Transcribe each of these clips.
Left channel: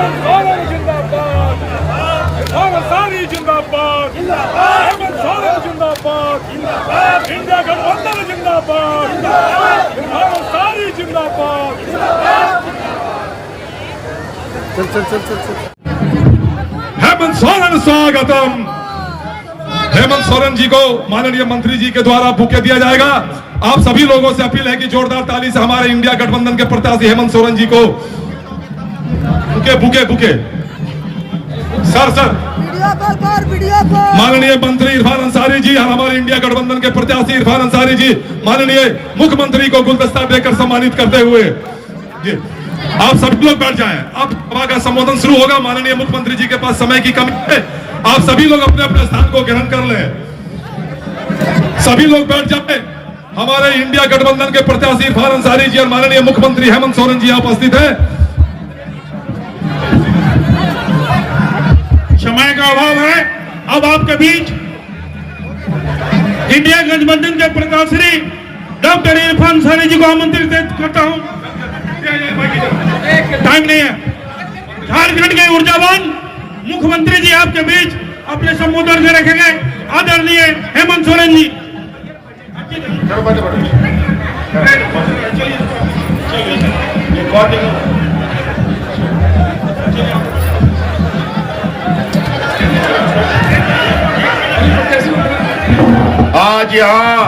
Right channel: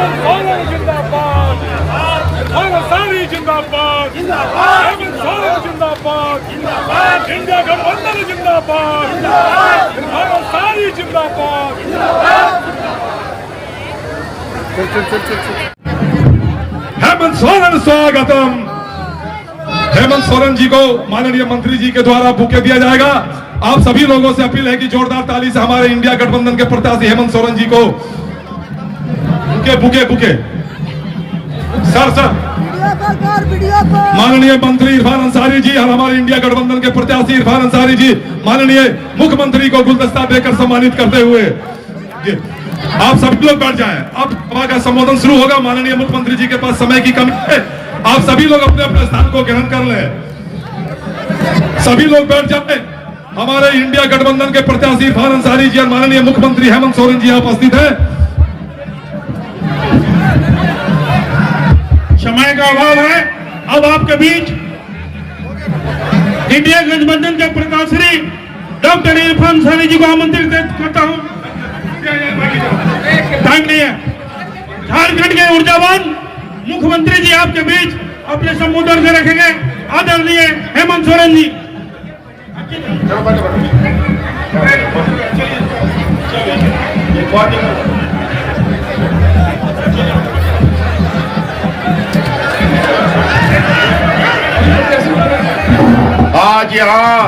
सोरेन जिंदाबाद, इरफान अंसारी जिंदाबाद, हेमंत सोरेन जिंदाबाद, इंडिया गठबंधन जिंदाबाद, इरफान अंसारी जिंदाबाद। हेमंत सोरेन स्वागतम। हेमंत सोरेन जी को माननीय मंत्री जी के द्वारा बुके दिया जाएगा। आप सभी लोगों से अपील है कि जोरदार ताली से हमारे इंडिया गठबंधन के प्रत्याशी हेमंत सोरेन जी को बुके सर माननीय मंत्री इरफान अंसारी जी, हमारे इंडिया गठबंधन के प्रत्याशी इरफान अंसारी जी माननीय मुख्यमंत्री को गुलदस्ता देकर सम्मानित करते हुए जी आप सभी लोग बैठ जाएं। अब सभा का संबोधन शुरू होगा। माननीय मुख्यमंत्री जी के पास समय की कमी है। आप सभी लोग अपने अपने स्थान को ग्रहण कर लें। सभी लोग बैठ जाएं। हमारे इंडिया गठबंधन के प्रत्याशी इरफान अंसारी जी और माननीय मुख्यमंत्री हेमंत सोरेन जी यहाँ उपस्थित हैं। समय का अभाव है। अब आपके बीच इंडिया गठबंधन के प्रत्याशी डॉक्टर इरफान अंसारी जी को आमंत्रित करता हूं। टाइम नहीं है। झारखंड के ऊर्जावान मुख्यमंत्री जी आपके बीच अपने संबोधन से रखेंगे। आदरणीय हेमंत सोरेन जी। आज यहाँ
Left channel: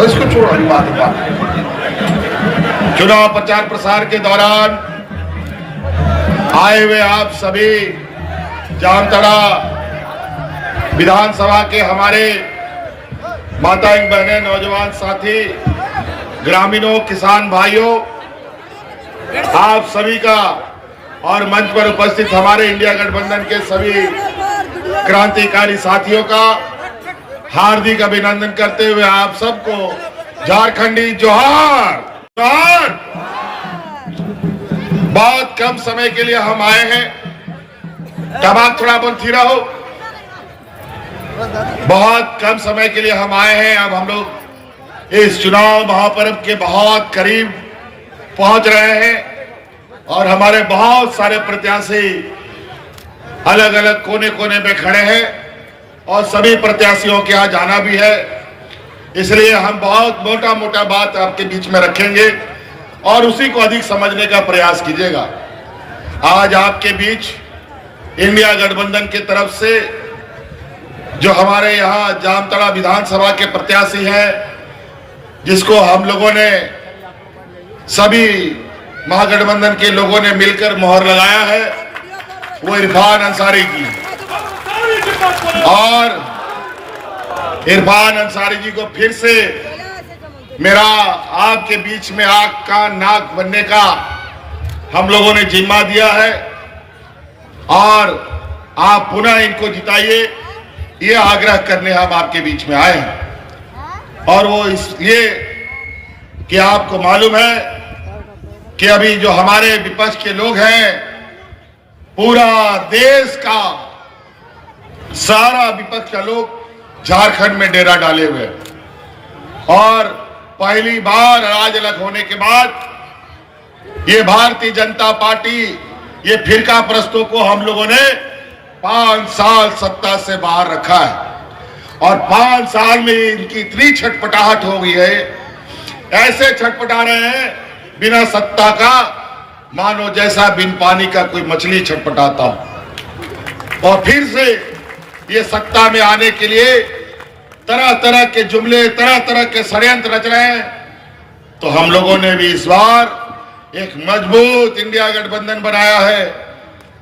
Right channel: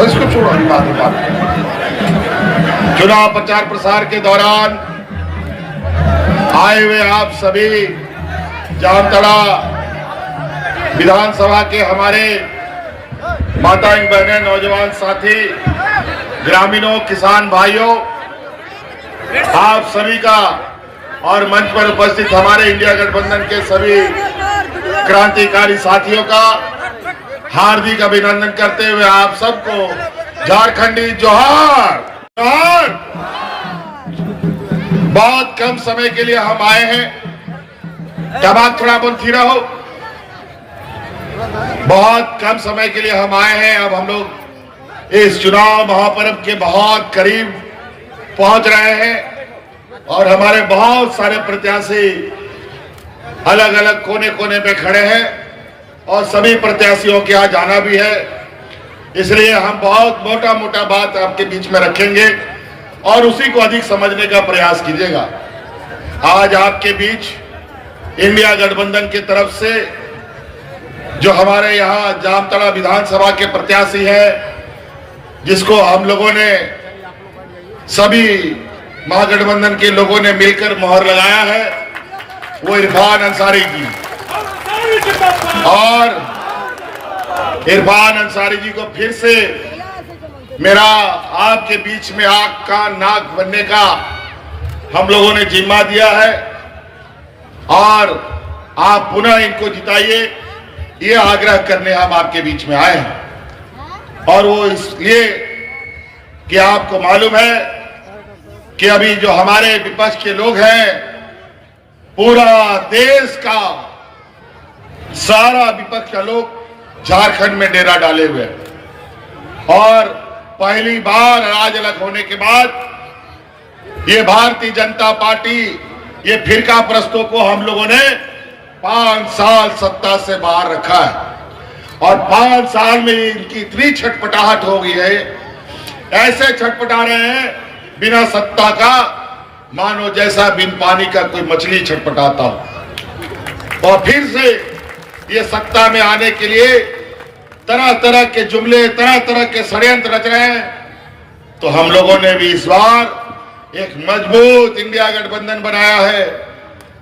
उसको छोड़ो, चुनाव प्रचार प्रसार के दौरान आए हुए आप सभी जामताड़ा विधानसभा के हमारे माताएं बहनें, नौजवान साथी, ग्रामीणों, किसान भाइयों, आप सभी का और मंच पर उपस्थित हमारे इंडिया गठबंधन के सभी क्रांतिकारी साथियों का हार्दिक अभिनंदन करते हुए आप सबको झारखंडी जोहार। बहुत कम समय के लिए हम आए हैं। दबाव थोड़ा बंद फिरा हो। बहुत कम समय के लिए हम आए हैं। अब हम लोग इस चुनाव महापर्व के बहुत करीब पहुंच रहे हैं और हमारे बहुत सारे प्रत्याशी अलग अलग कोने कोने में खड़े हैं और सभी प्रत्याशियों के यहाँ जाना भी है। इसलिए हम बहुत मोटा मोटा बात आपके बीच में रखेंगे और उसी को अधिक समझने का प्रयास कीजिएगा। आज आपके बीच इंडिया गठबंधन की तरफ से जो हमारे यहाँ जामताड़ा विधानसभा के प्रत्याशी हैं, जिसको हम लोगों ने सभी महागठबंधन के लोगों ने मिलकर मोहर लगाया है, वो इरफान अंसारी जी। और इरफान अंसारी जी को फिर से मेरा आपके बीच में आंख कान नाक बनने का हम लोगों ने जिम्मा दिया है और आप पुनः इनको जिताइए, ये आग्रह करने हम आपके बीच में आए हैं। और वो इसलिए कि आपको मालूम है कि अभी जो हमारे विपक्ष के लोग हैं, पूरा देश का सारा विपक्ष का लोग झारखंड में डेरा डाले हुए और पहली बार राज अलग होने के बाद ये भारतीय जनता पार्टी, ये फिरका प्रस्तों को हम लोगों ने 5 साल सत्ता से बाहर रखा है और 5 साल में इनकी इतनी छटपटाहट हो गई है, ऐसे छटपटा रहे हैं बिना सत्ता का, मानो जैसा बिन पानी का कोई मछली छटपटाता हो। और फिर से ये सत्ता में आने के लिए तरह तरह के जुमले, तरह तरह के षड्यंत्र रच रहे हैं। तो हम लोगों ने भी इस बार एक मजबूत इंडिया गठबंधन बनाया है,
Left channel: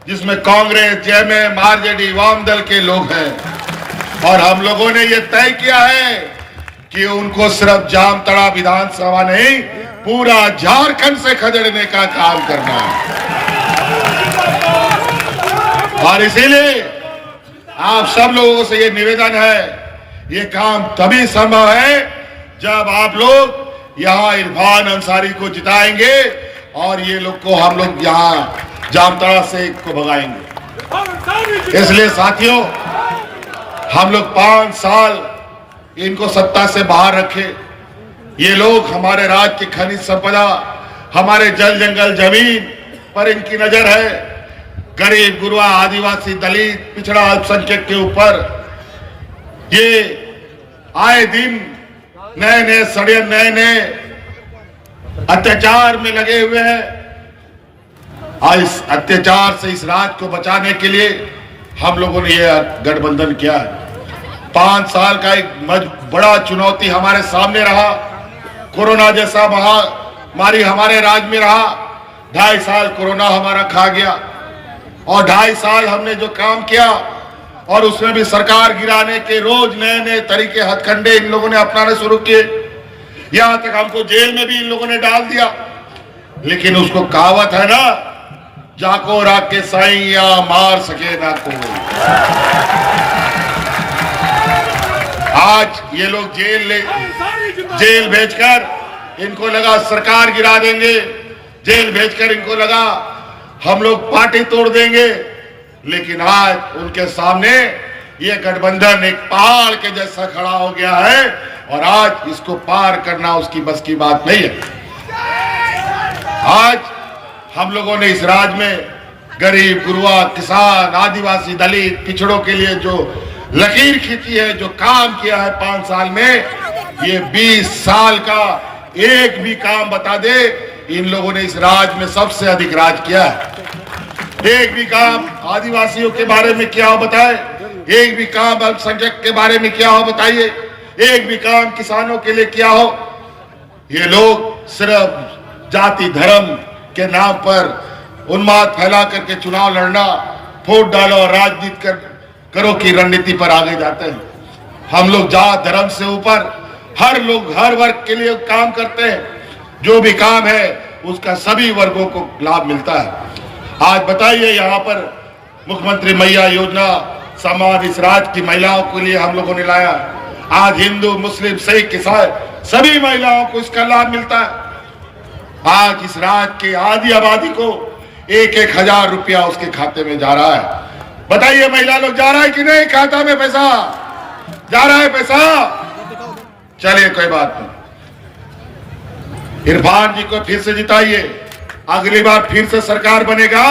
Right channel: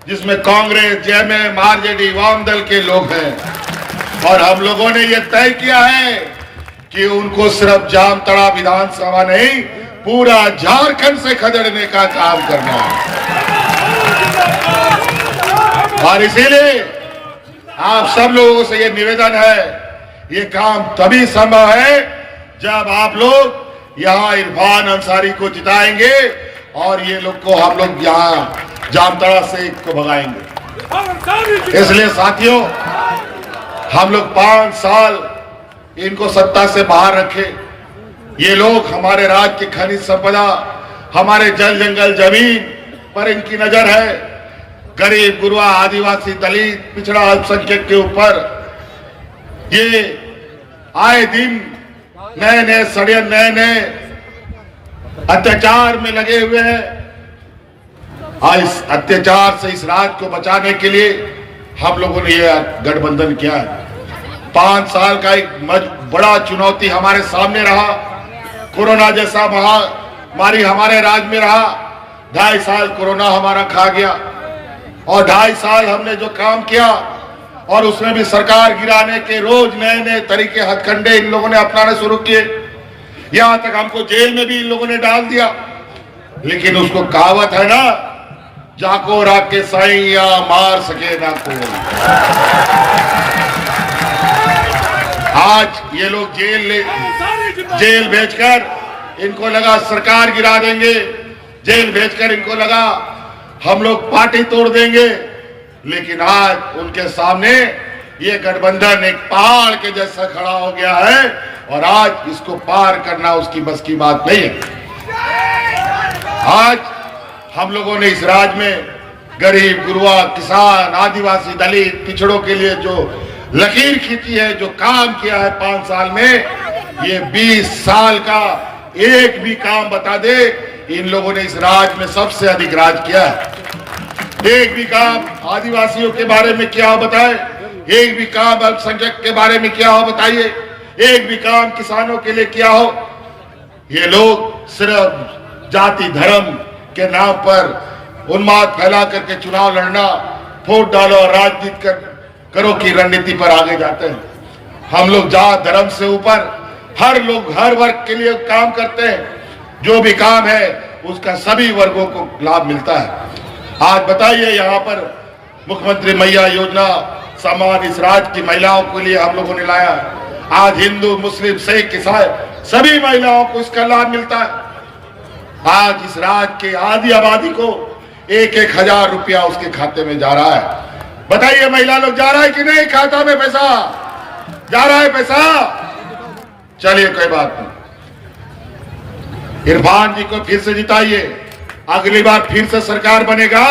जिसमें कांग्रेस, जेएमएम, आरजेडी, वाम दल के लोग हैं और हम लोगों ने ये तय किया है कि उनको सिर्फ जामताड़ा विधानसभा नहीं, पूरा झारखंड से खदेड़ने का काम करना है। और इसीलिए आप सब लोगों से ये निवेदन है, ये काम तभी संभव है जब आप लोग यहाँ इरफान अंसारी को जिताएंगे और ये लोग को हम लोग यहाँ जामताड़ा से को भगाएंगे। इसलिए साथियों, हम लोग 5 साल इनको सत्ता से बाहर रखे। ये लोग हमारे राज्य की खनिज संपदा, हमारे जल जंगल जमीन, पर इनकी नजर है, गरीब गुरबा आदिवासी दलित पिछड़ा अल्पसंख्यक के ऊपर ये आए दिन नए नए षड्यंत्र, नए नए अत्याचार में लगे हुए हैं। इस अत्याचार से इस राज्य को बचाने के लिए हम लोगों ने यह गठबंधन किया है। 5 साल का एक बड़ा चुनौती हमारे सामने रहा। कोरोना जैसा महामारी हमारे राज्य में रहा। 2.5 साल कोरोना हमारा खा गया और 2.5 साल हमने जो काम किया और उसमें भी सरकार गिराने के रोज नए नए तरीके हथकंडे इन लोगों ने अपनाना शुरू किए। यहां तक हमको जेल में भी इन लोगों ने डाल दिया। लेकिन उसको कहावत है ना, जाको राके साइया मार सके ना कोई। आज ये लोग जेल भेजकर इनको लगा सरकार गिरा देंगे, जेल भेजकर इनको लगा हम लोग पार्टी तोड़ देंगे। लेकिन आज उनके सामने ये गठबंधन एक पहाड़ के जैसा खड़ा हो गया है और आज इसको पार करना उसकी बस की बात नहीं है। आज हम लोगों ने इस राज्य में गरीब गुरबा किसान आदिवासी दलित पिछड़ों के लिए जो लकीर खींची है, जो काम किया है 5 साल में, ये 20 साल का एक भी काम बता दे, इन लोगों ने इस राज्य में सबसे अधिक राज किया है। एक भी काम आदिवासियों के बारे में क्या हो बताए, एक भी काम अल्पसंख्यक के बारे में क्या हो बताइए, एक भी काम किसानों के लिए क्या हो। ये लोग सिर्फ जाति धर्म के नाम पर उन्माद फैला करके चुनाव लड़ना, वोट डालो और राजनीति करो की रणनीति पर आगे जाते हैं। हम लोग जात धर्म से ऊपर हर लोग हर वर्ग के लिए काम करते हैं। जो भी काम है उसका सभी वर्गों को लाभ मिलता है। आज बताइए, यहाँ पर मुख्यमंत्री मैया योजना समान इस राज्य की महिलाओं के लिए हम लोगों ने लाया। आज हिंदू मुस्लिम सिख ईसाई सभी महिलाओं को इसका लाभ मिलता है। आज इस राज्य की आधी आबादी को 1-1 हजार रुपया उसके खाते में जा रहा है। बताइए महिला लोग जा रहा है कि नहीं, खाता में पैसा जा रहा है पैसा? चलिए कोई बात नहीं, इरफान जी को फिर से जिताइए, अगली बार फिर से सरकार बनेगा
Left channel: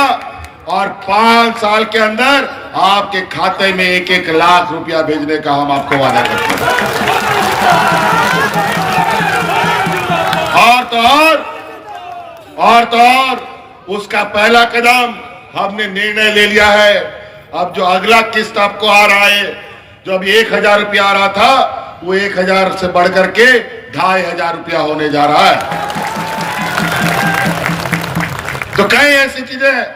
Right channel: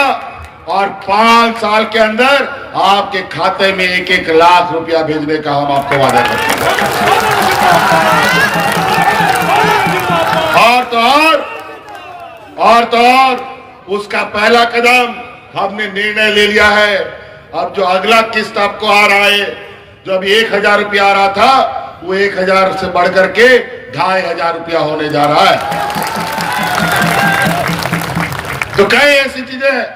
और 5 साल के अंदर आपके खाते में 1-1 लाख रुपया भेजने का हम आपको वादा करते हैं। और उसका पहला कदम हमने निर्णय ले लिया है। अब जो अगला किस्त आपको आ रहा है, जो अभी 1,000 रुपया आ रहा था, वो 1,000 से बढ़कर के 2,500 रुपया होने जा रहा है। तो कई ऐसी चीजें हैं,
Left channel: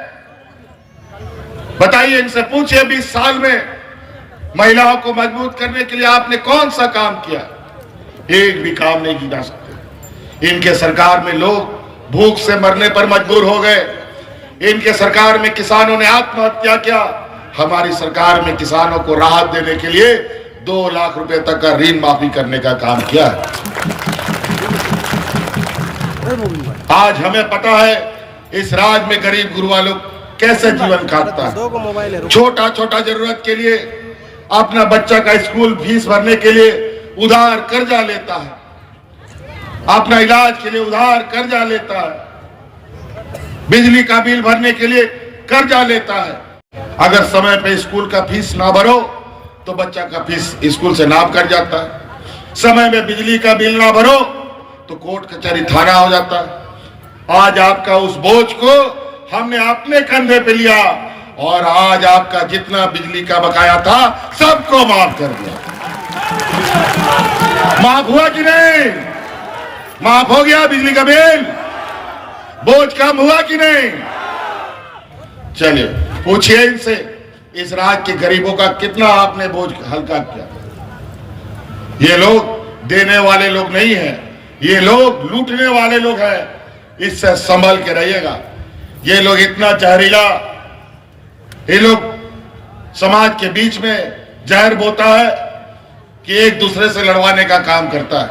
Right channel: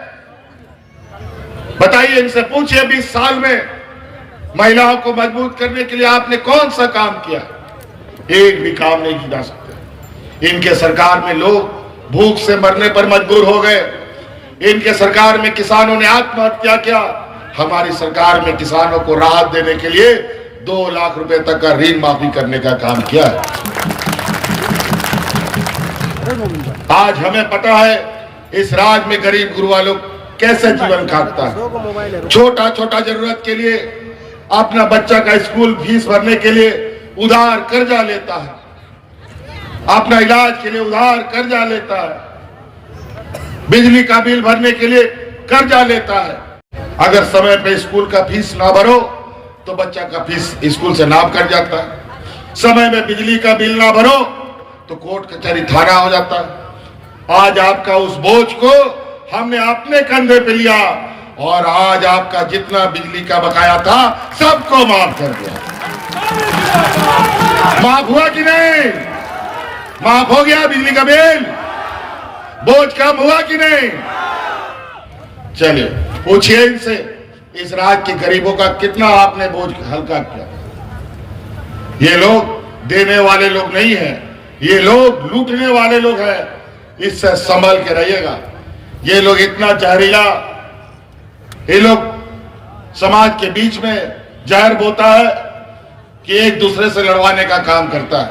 बताइए, इनसे पूछिए 20 साल में महिलाओं को मजबूत करने के लिए आपने कौन सा काम किया? एक भी काम नहीं किया जा सकते। इनके सरकार में लोग भूख से मरने पर मजबूर हो गए। इनके सरकार में किसानों ने आत्महत्या किया। हमारी सरकार में किसानों को राहत देने के लिए 2 लाख रुपए तक का ऋण माफी करने का काम किया है। आज हमें पता है इस राज्य में गरीब गुरबा लोग कैसे जीवन काटता है। छोटा छोटा जरूरत के लिए, अपना बच्चा का स्कूल फीस भरने के लिए उधार कर्जा लेता है, अपना इलाज के लिए उधार कर्जा लेता है, बिजली का बिल भरने के लिए कर्जा लेता है। अगर समय पे स्कूल का फीस ना भरो तो बच्चा का फीस स्कूल से नाप कर जाता है। समय में बिजली का बिल ना भरो तो कोर्ट कचहरी थाना हो जाता है। आज आपका उस बोझ को हमने अपने कंधे पे लिया और आज आपका जितना बिजली का बकाया था सबको माफ कर दिया। माफ हुआ कि नहीं? माफ हो गया बिजली का बिल? बोझ कम हुआ कि नहीं? चलिए पूछिए इनसे, इस राज्य के गरीबों का कितना आपने बोझ हल्का किया? ये लोग देने वाले लोग नहीं है, ये लोग लूटने वाले लोग हैं। इससे संभल के रहिएगा। ये लोग इतना जहरीला, ये लोग समाज के बीच में जहर बोता है कि एक दूसरे से लड़वाने का काम करता है।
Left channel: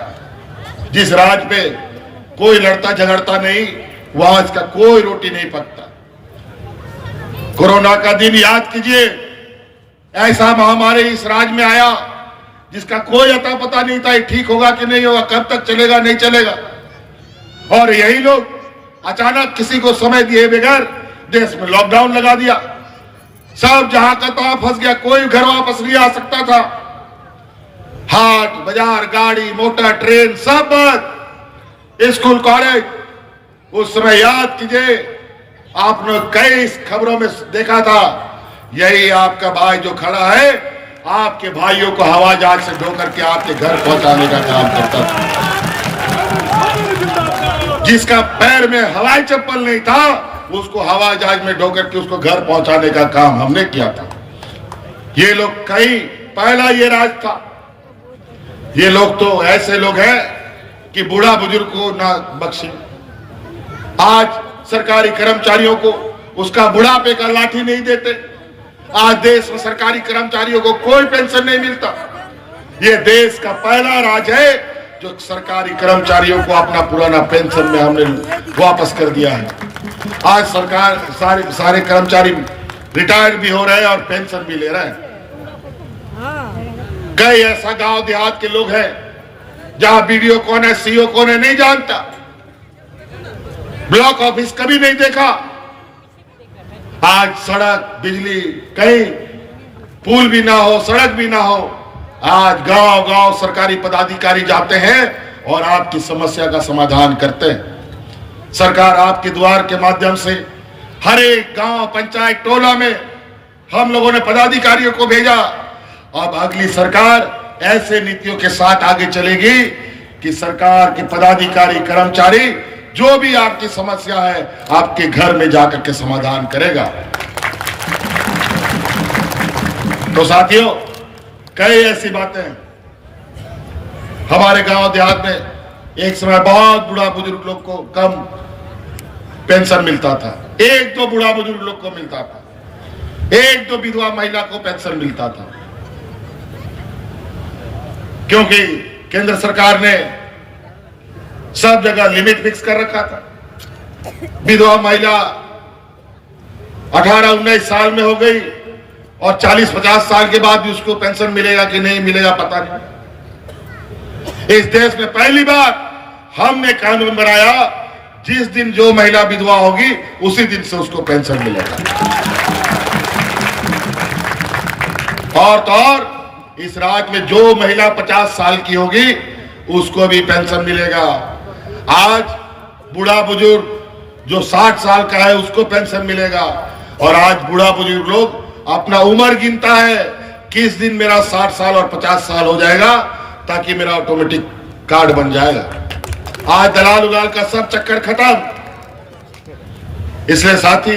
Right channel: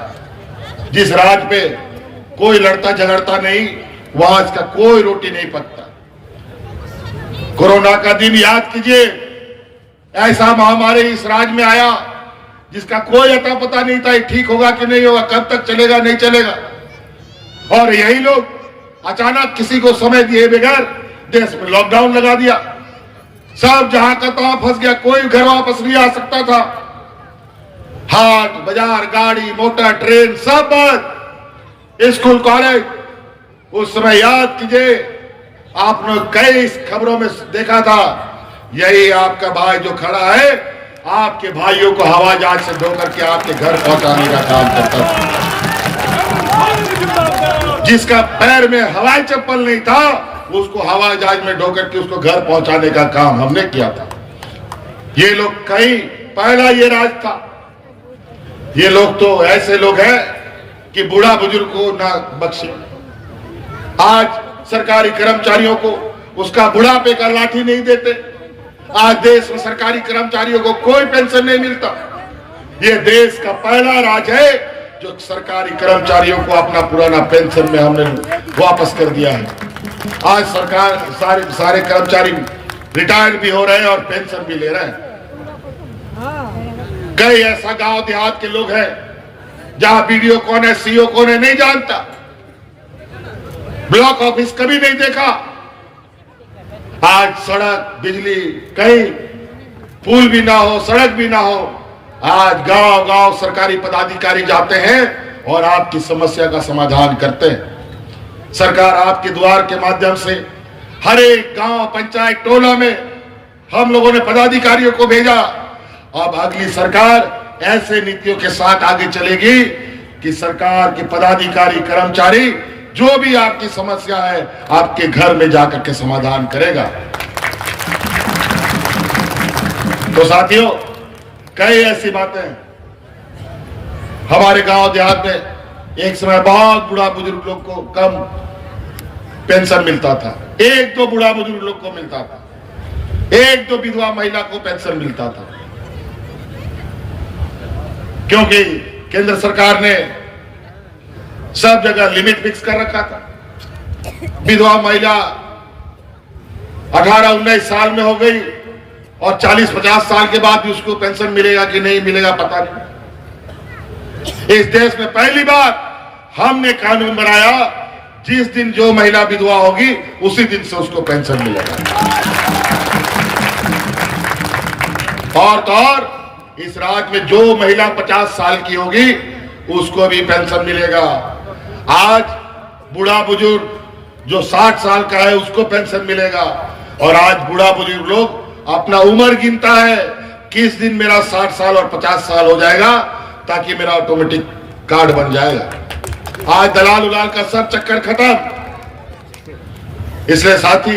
जिस राज्य पे कोई लड़ता झगड़ता नहीं, वहां इसका कोई रोटी नहीं पकता। कोरोना का दिन याद कीजिए, ऐसा महामारी इस राज्य में आया जिसका कोई अता पता नहीं था ठीक होगा कि नहीं होगा, कब तक चलेगा नहीं चलेगा। और यही लोग अचानक किसी को समय दिए बगैर देश में लॉकडाउन लगा दिया, सब जहां का तहां फंस गया, कोई घर वापस नहीं आ सकता था। हाट बाजार, गाड़ी मोटर, ट्रेन सब बंद, स्कूल कॉलेज। उस समय याद कीजिए, आपने कई खबरों में देखा था, यही आपका भाई जो खड़ा है, आपके भाइयों को हवाई जहाज से ढो करके आपके घर पहुंचाने का काम करता था। जिसका पैर में हवाई चप्पल नहीं था, उसको हवाई जहाज में ढो करके उसको घर पहुंचाने का काम हमने किया था। ये लोग कई पहला ये राज था। ये लोग तो ऐसे लोग हैं कि बूढ़ा बुजुर्ग को ना बख्शे। आज सरकारी कर्मचारियों को उसका बुढ़ापे का लाठी नहीं देते। आज देश में सरकारी कर्मचारियों को कोई पेंशन नहीं मिलता। ये देश का पहला राज है जो सरकारी कर्मचारियों को अपना पुराना पेंशन में हमने वापस कर दिया है। आज सरकार सारे कर्मचारी रिटायर्ड भी हो रहे हैं और पेंशन भी ले रहे हैं। कई ऐसा गांव देहात के लोग हैं जहां बीडीओ कौन है, सीओ कौन है नहीं जानता, ब्लॉक ऑफिस कभी नहीं देखा। आज सड़क, बिजली, कहीं पुल भी ना हो, सड़क भी ना हो, आज गांव गांव सरकारी पदाधिकारी जाते हैं और आपकी समस्या का समाधान करते हैं। सरकार आपके द्वार के माध्यम से हर एक गांव, पंचायत, टोला में हम लोगों ने पदाधिकारियों को भेजा। अब अगली सरकार ऐसे नीतियों के साथ आगे चलेगी कि सरकार के पदाधिकारी, कर्मचारी जो भी आपकी समस्या है आपके घर में जाकर के समाधान करेगा। तो साथियों, कई ऐसी बातें हैं। हमारे गांव देहात में एक समय बहुत बूढ़ा बुजुर्ग लोग को कम पेंशन मिलता था, एक दो बूढ़ा बुजुर्ग लोग को मिलता था, एक दो विधवा महिला को पेंशन मिलता था, क्योंकि केंद्र सरकार ने सब जगह लिमिट फिक्स कर रखा था। विधवा महिला 18-19 साल में हो गई और 40-50 साल के बाद भी उसको पेंशन मिलेगा कि नहीं मिलेगा पता नहीं। इस देश में पहली बार हमने कानून बनाया, जिस दिन जो महिला विधवा होगी उसी दिन से उसको पेंशन मिलेगा। और तो और इस राज्य में जो महिला 50 साल की होगी उसको भी पेंशन मिलेगा। आज बूढ़ा बुजुर्ग जो 60 साल का है उसको पेंशन मिलेगा। और आज बूढ़ा बुजुर्ग लोग अपना उम्र गिनता है, किस दिन मेरा 60 साल और 50 साल हो जाएगा ताकि मेरा ऑटोमेटिक कार्ड बन जाएगा। आज दलाल उलाल का सब चक्कर खत्म। इसलिए साथी,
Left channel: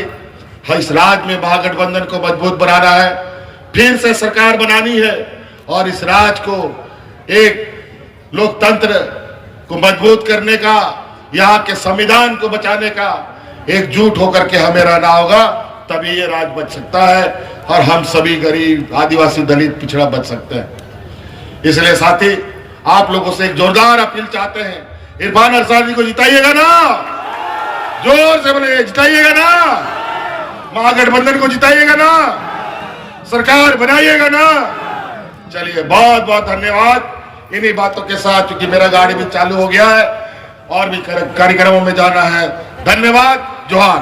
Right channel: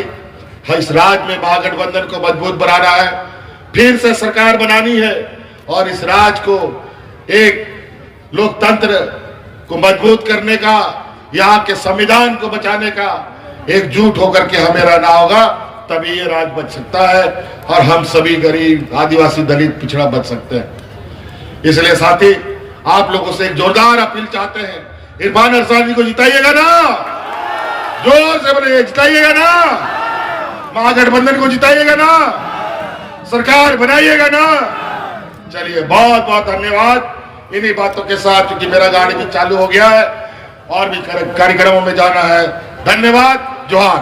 इस राज्य में महागठबंधन को मजबूत बनाना है, फिर से सरकार बनानी है और इस राज्य को एक लोकतंत्र को मजबूत करने का, यहाँ के संविधान को बचाने का एकजुट होकर के हमें रहना होगा, तभी ये राज्य बच सकता है और हम सभी गरीब, आदिवासी, दलित, पिछड़ा बच सकते हैं। इसलिए साथी, आप लोगों से एक जोरदार अपील चाहते हैं, इरफान अंसारी को जिताइएगा ना, जोर से बोले जिताइएगा ना, महागठबंधन को जिताइएगा ना, सरकार बनाइएगा ना। चलिए, बहुत बहुत धन्यवाद। इन्हीं बातों के साथ, क्योंकि मेरा गाड़ी भी चालू हो गया है और भी कार्यक्रमों में जाना है। धन्यवाद, जोहार।